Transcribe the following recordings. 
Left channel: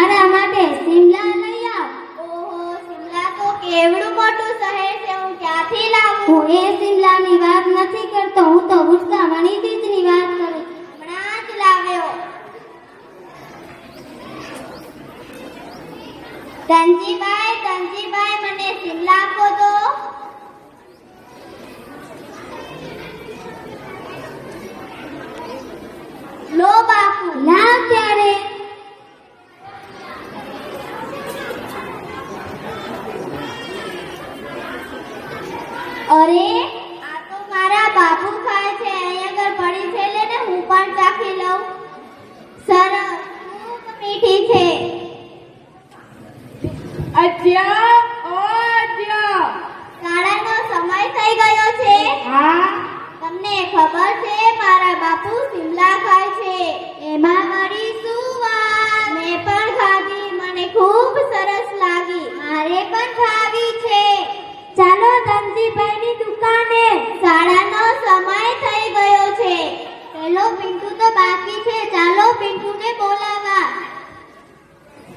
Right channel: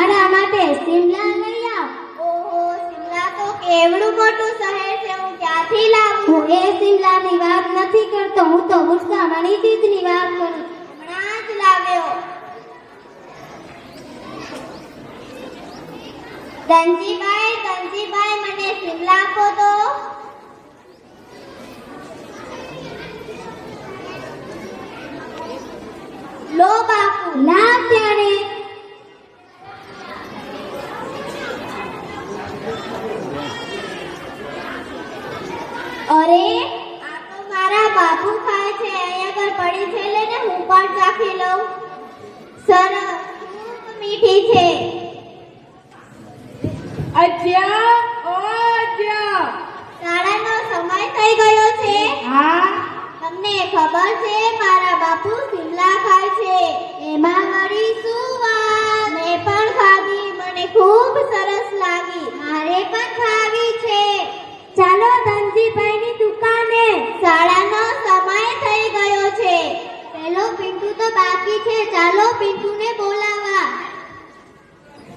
મારા માટે શિમલા લઈ આવ. ઓહો, શિમલા તો કેવડું મોટું શહેર છે, હું ક્યાંથી લાવું? હું એ શિમલાની વાત નથી કરતો, હું તો ગુસ્સા મણીજીતની વાત કરું. હમણાં જ લાવ્યો. ધનજીભાઈ, મને શિમલા આપો તો. લો બાપુ. ના ત્યારે અરે, આ તો મારા બાપુ ખાય છે. અહીં આગળ પડી છે, લે ને હું પણ ચાખી લઉં. સરસ, ખૂબ મીઠી છે. અજ્જા, ઓ અજ્જા. શાળાનો સમય થઈ ગયો છે. હા, તમને ખબર છે મારા બાપુ શિમલા ખાય છે? એમાં મારી શું વાત? મેં પણ ખાધી, મને ખૂબ સરસ લાગી. મારે પણ ખાવી છે. ચાલો ધનજીભાઈની દુકાને. શાળાનો સમય થઈ ગયો છે. પેલો પિન્ટુ તો બાકી છે, ચાલો પિન્ટુને બોલાવા.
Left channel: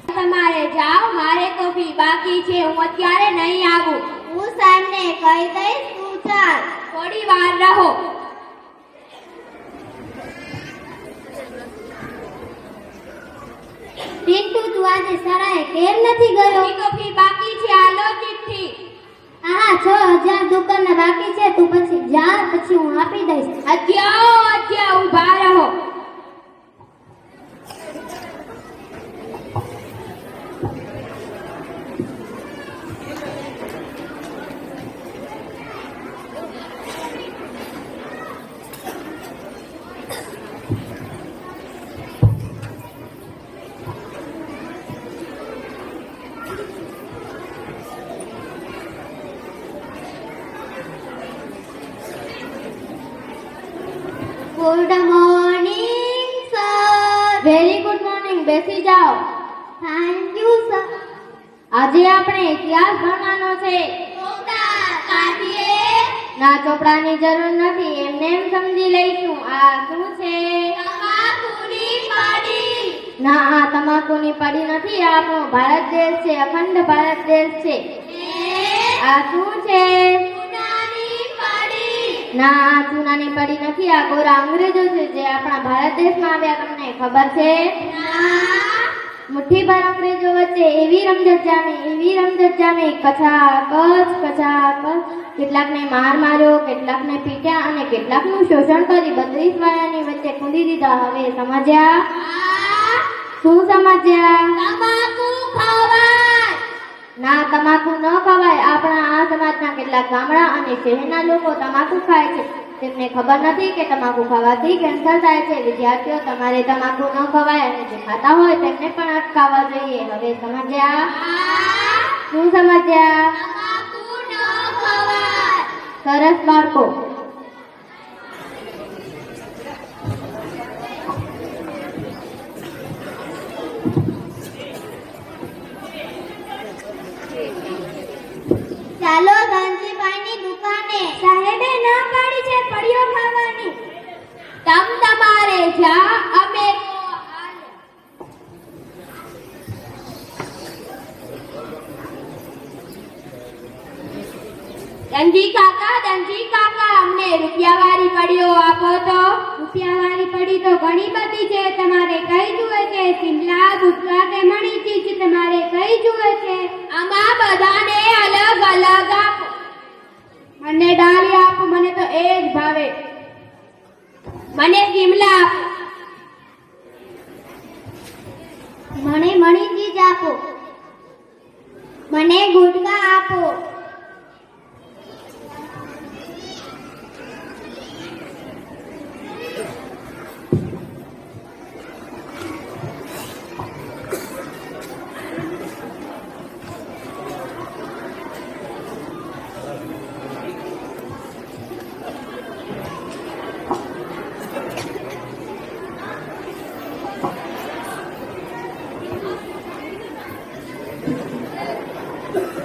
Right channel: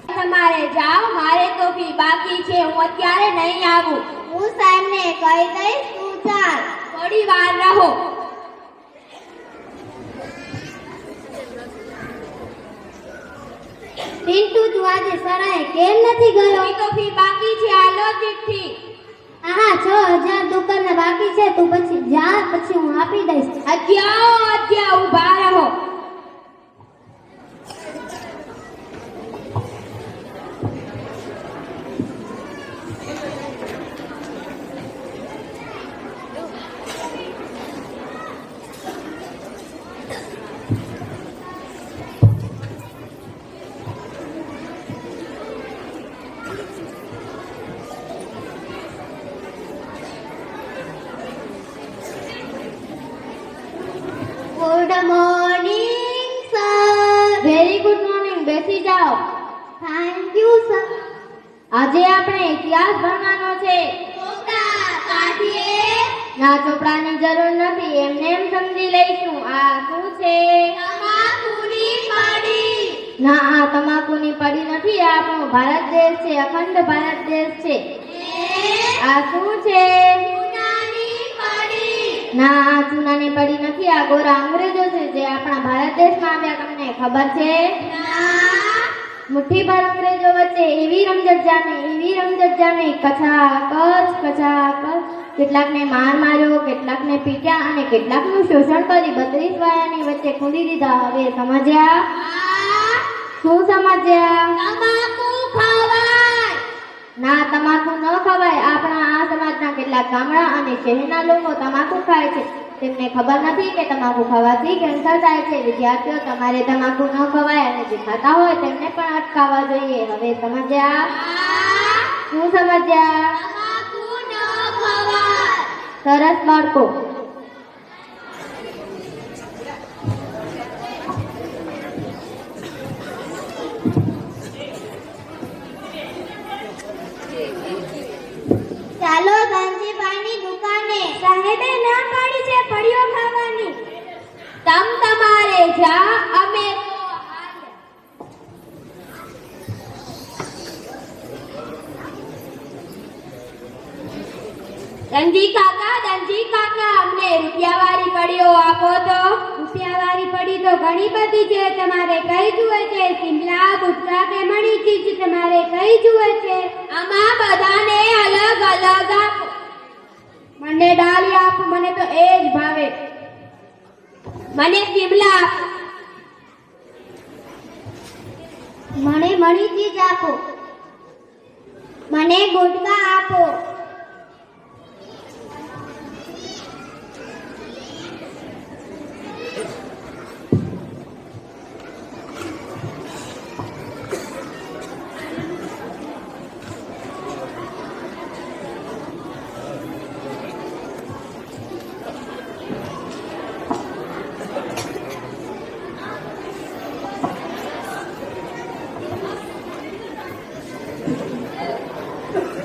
તમારે જાઓ, મારે તો ફી બાકી છે, હું અત્યારે નહીં આવું. હું સાહેબને કહી દઈશ, તું ચાલ. થોડી વાર રહો. પિન્ટુ, તું આજે શાળાએ કેમ નથી ગયો? મારી તો ફી બાકી છે, આ લો ચિઠ્ઠી. હા, 6000 દુકાનના બાકી છે. તું પછી જા, પછી હું આપી દઈશ. અજ્જા, ઊભા રહો. Good morning sir. Very good morning, બેસી જાઓ. Thank you sir. આજે આપણે ઇતિહાસ ભણવાનો છે. ના, ચોપડાની જરૂર નથી, એમને એમ સમજી લઈશું. આ શું છે? ના, આ તમાકુની પડી નથી, આ આપણો ભારત દેશ છે, અખંડ ભારત દેશ છે. આ શું છે? ના, આ ચૂનાની પડી નથી, આ ગોરા અંગ્રેજો છે જે આપણા ભારત દેશમાં આવ્યા. તમને ખબર છે? મુઠ્ઠીભર અંગ્રેજો વચ્ચે એવી રમઝટ જામી, કચાકચ. કેટલાકને માર માર્યો, કેટલાકને પીટ્યા અને કેટલાકનું શોષણ કરી 32 વાયાની વચ્ચે ખુલી દીધા. હવે સમજ્યા? શું સમજ્યા? ના, તમાકુ ન ખવાય. આપણા આ સમાજના કેટલાક ગામડા અને શહેરના લોકો તમાકુ ખાય છે. તેમને ખબર નથી કે તમાકુ ખાવાથી કેન્સર થાય છે. વિદ્યાર્થીઓ, તમારે તમાકુ ન ખવાય અને જે ખાતા હોય તેમને પણ અટકાવવા જોઈએ. હવે સમજ્યા? શું સમજ્યા? સરસ બાળકો. ચાલો ધનજીભાઈની દુકાને. સાહેબે ના પાડી છે પડીઓ ખાવાની. તમારે જા, અમે ધનજી કાકા, અમને રૂપિયાવાળી પડીઓ આપો તો. રૂપિયાવાળી પડી તો ઘણી બધી છે. તમારે કઈ જુએ છે? શિમલા, ગુટકા કે મણીચીજ? તમારે કઈ જુએ છે? આમાં બધાને અલગ અલગ આપો. મને ડાળી આપો, મને તો એ જ ભાવે. મને શિમલા આપો. મને મણીચીજ આપો. મને ગુટકા આપો.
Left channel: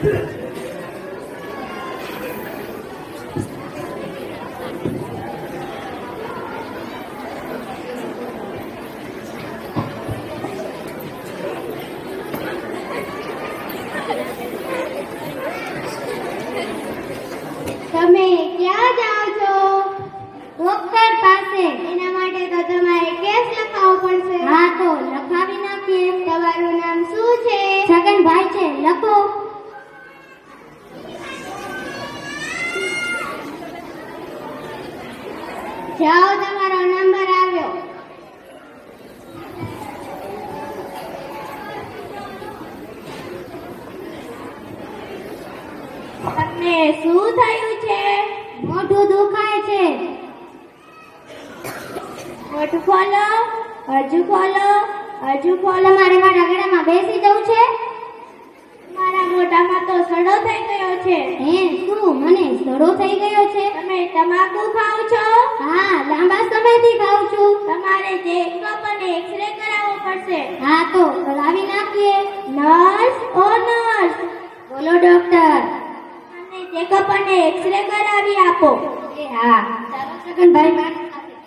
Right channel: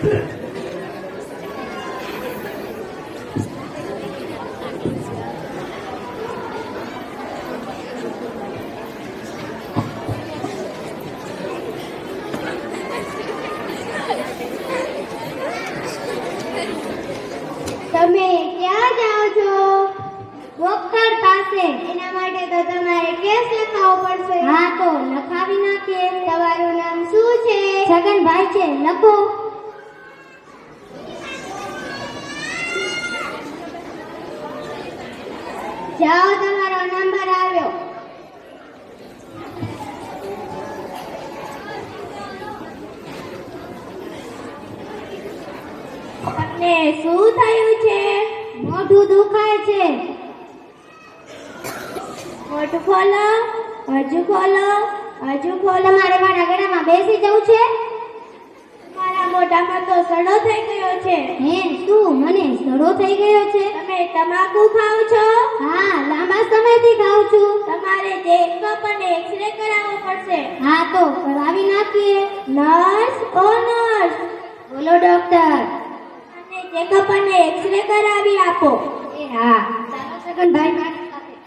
Thank you. ડોક્ટર પાસે. એના માટે તો તમારે કેસ લખાવવો પડશે. હા તો લખાવી નાખીએ. તમારું નામ શું છે? છગનભાઈ છે, લખો. જાઓ, તમારો નંબર આવ્યો. તમને શું થયું છે? મોઢું દુખાય છે. મોઢું ખોલો, હજુ ખોલો, હજુ ખોલો. તમારે મારા ગળામાં બેસી જવું છે? મારા મોઢામાં તો સડો થઈ ગયો છે. હે શું, મને સડો થઈ ગયો છે? તમે તમાકુ ખાઓ છો? હા, લાંબા સમયથી ખાઉં છું. તમારે ચેકઅપ અને એક્સરે કરાવવો પડશે. હા તો કરાવી નાખીએ. નર્સ, ઓ નર્સ, બોલો ડોક્ટર. અને ચેકઅપ અને એક્સરે કરાવી આપો. એ હા, ચાલો છગનભાઈ મારી સાથે.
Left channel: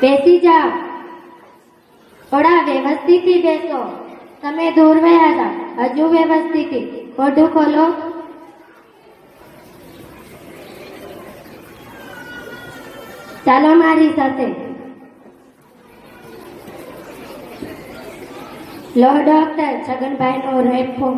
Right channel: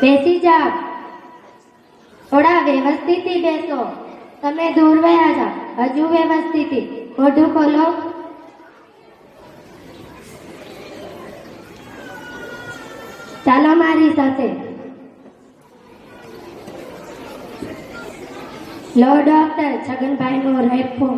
બેસી જાઓ. થોડા વ્યવસ્થિતથી બેસો. તમે દૂર બેસા જાઓ. હજુ વ્યવસ્થિતથી. મોઢું ખોલો. ચાલો મારી સાથે. લો ડોક્ટર, છગનભાઈનો રેફો.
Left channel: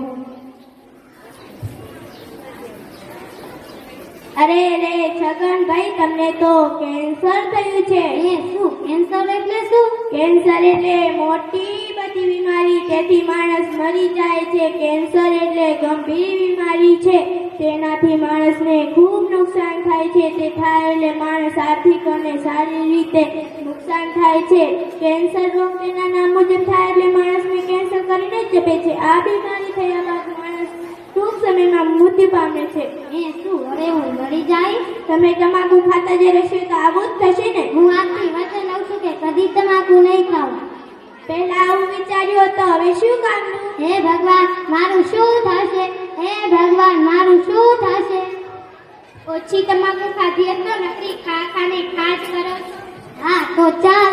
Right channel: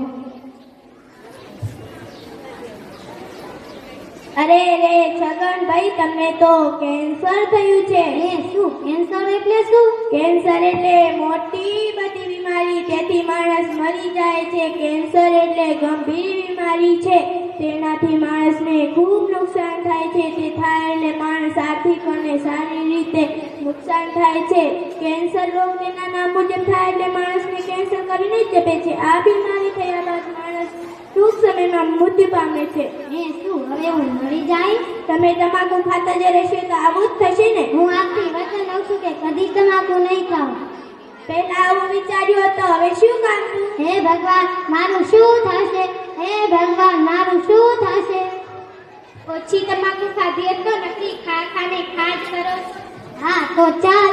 અરે રે છગનભાઈ, તમને તો કેન્સર થયું છે. એ શું, કેન્સર એટલે શું? કેન્સર એટલે મોટી બધી બીમારી, તેથી માણસ મરી જાય છે. કેન્સર એટલે ગંભીર બીમારી છે, તેનાથી માણસને ખૂબ નુકસાન થાય છે. તે થાય એટલે માણસ આર્થિક અને સારી રીતે નુકસાન થાય છે. કેન્સર રોગ તેના નામ મુજબ થાય એટલે માણસને કેન્સર કરીને જ જપે છે. આ બીમારી થયા બાદ માણસ ટૂંક સમયમાં મૃત્યુ પામે છે. એ શું, હવે હું મરી જાય? તમે તમાકુ ખાતા જ રહેશો તો આવું જ થશે ને. હું આપથી વચન લઉં છું કે કદી તમાકુ નહીં ખાઉં. પહેલા આવું વિચાર્યું હતું, હવે શું કરવું? હે ભગવાન, મારું શું થશે? હે ભગવાન, મારું શું થશે? ઓછી તમાકુ ખાધી તો નથી, ખાને ખાજ કરો. હા તો ચાલ.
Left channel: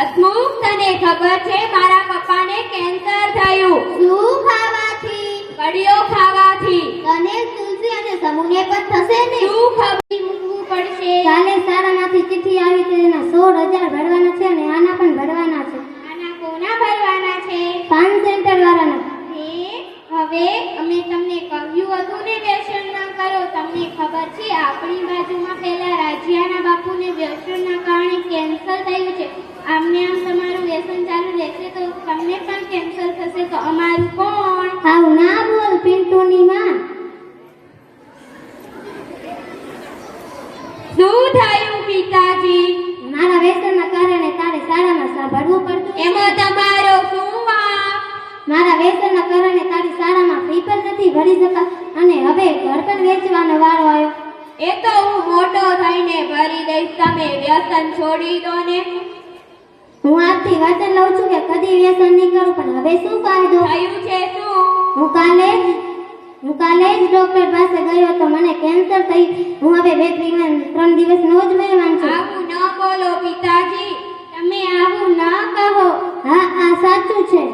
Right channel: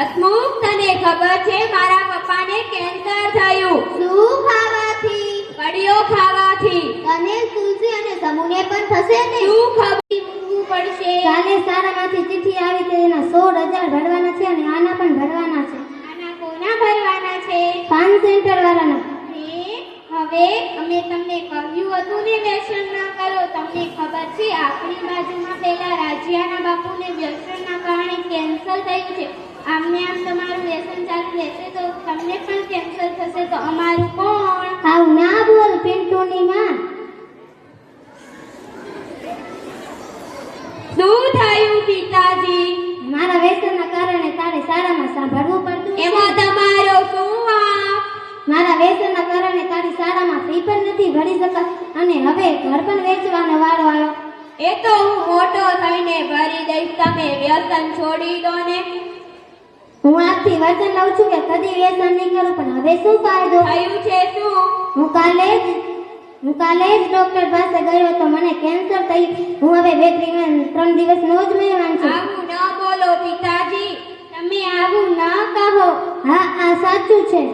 હસમુખ, તને ખબર છે મારા પપ્પાને કેન્સર થયું? શું ખાવાથી? કડીઓ ખાવાથી. તને તુલસી અને સમૂહને પણ થશે ને? શું ખબર મૂકવું પડશે? કાલે સારામાંથી ચિઠ્ઠી આવી છે, એના 16,000 ભરવાના છે અને આના પણ ભરવાના છે. આના કોના ભરવાના છે? પાન સેન્ટર વાળાના. હવે અમે તમને કહ્યું હતું ને વ્યસન ના કરો. તમને ખબર છે આપણી બાજુમાં પેલા રાજ્યાના બાપુને વ્યસનના કારણે કેન્સર થયું છે. આમને આમ તમારું વ્યસન ચાલુ રહેશે તો તમને પણ કેન્સર થશે, તો અમારું કોણ? આવું ના બોલ પિન્ટુની માં. શું થયું પિતાજી? મારા વ્યસનના કારણે તારે સારામાં સાંભળવું પડતું. એમાં તમારો શું વાંક? મારા વ્યસનના કારણે તારી શાળામાં ફી પણ નથી ભરી શકા અને હવે ઘર પણ વેચવાનો વારો આવ્યો. એ તો હું મોટો થઈને ભરી દઈશ. તમે વ્યસન છોડી દો ને. હું આજથી વચન લઉં છું કે કદી વ્યસન નહીં કરું, પણ હવે શું ફાયદો? થયું છે શું? હું કાલે જ ડોક્ટર પાસે ગયો તો મને કેન્સર થઈ. હું હવે 2-3 દિવસનો જ મહેમાન છું. આવું ન બોલો પિતાજી, તમે આવું ન કહો. હા, આ સાચું છે.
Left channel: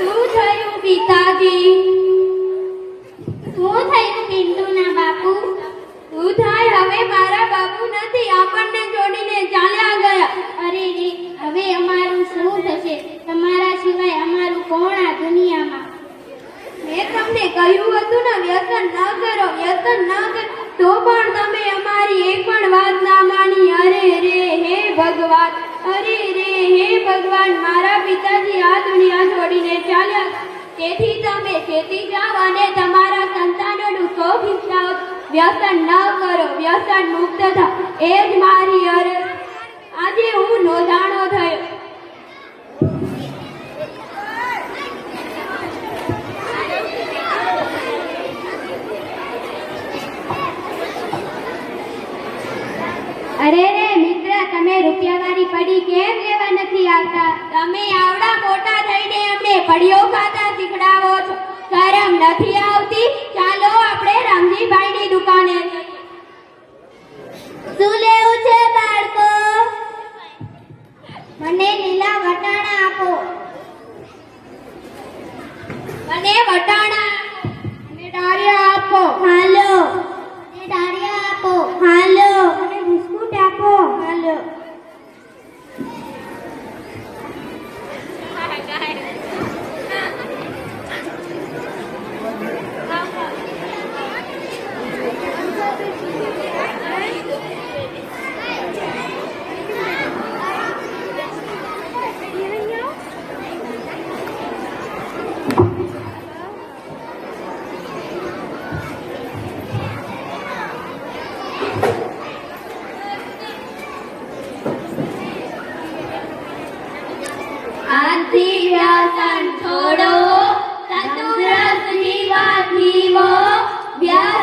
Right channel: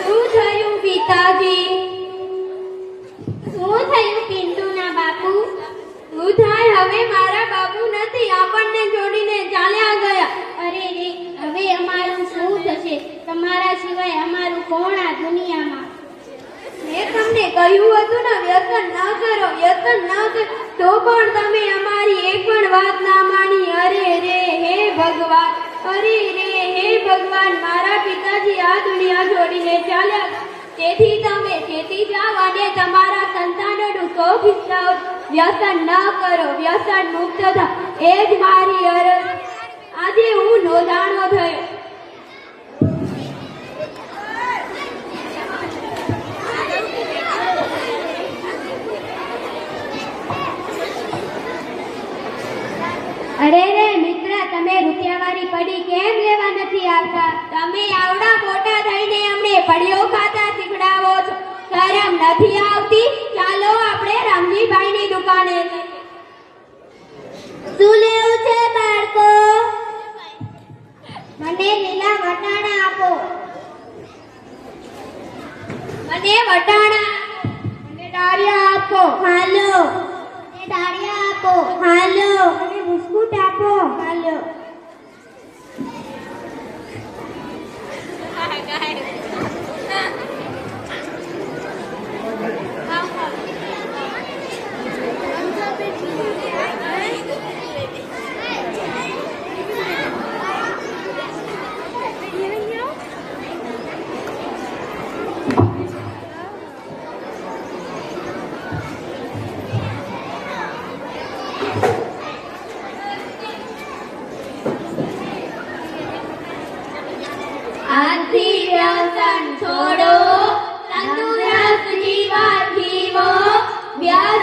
શું થયું પિતાજી? શું થયું પિન્ટુના બાપુ? શું થાય? હવે મારા બાપુ નથી, આપણને છોડીને ચાલ્યા ગયા. અરે રે, હવે અમારું શું થશે? તમારા સિવાય અમારું કોણ આ દુનિયામાં? મેં તમને કહ્યું હતું ને વ્યસન ન કરો, વ્યસન ન કરો, તો પણ તમે અમારી એક પણ વાત ના માની. અરે રે હે ભગવાન, અરે રે હે ભગવાન, મારા પિતાજી આ દુનિયા છોડીને ચાલ્યા. તેથી તમે ચેતી જાઓ અને તમારા સંતાન વ્યસન ન કરો, વ્યસન મુક્ત થા, એ જ મારી અરજ. આજે હું નોંધાણો થયો. અરે રે મિત્ર, તમે રૂપિયાવાળી પડી કેમ લેવા નથી આવતા? તમે આવડા મોટા થઈને અમને પડીઓ ખાતા શીખડાવો છો. શરમ નથી આવતી? ચાલો આપણે રામજીભાઈની દુકાને. શું લેવું છે બાળકો? મને લીલા વટાણા આપો. મને વટાણા આપો. મને ડાળિયા આપો. હાલો. મને ડાળિયા આપો. હાલો. મને બિસ્કુટ આપો. હાલો. આજથી વ્યસન છોડો, તંદુરસ્ત જીવન જીવો. વ્યસન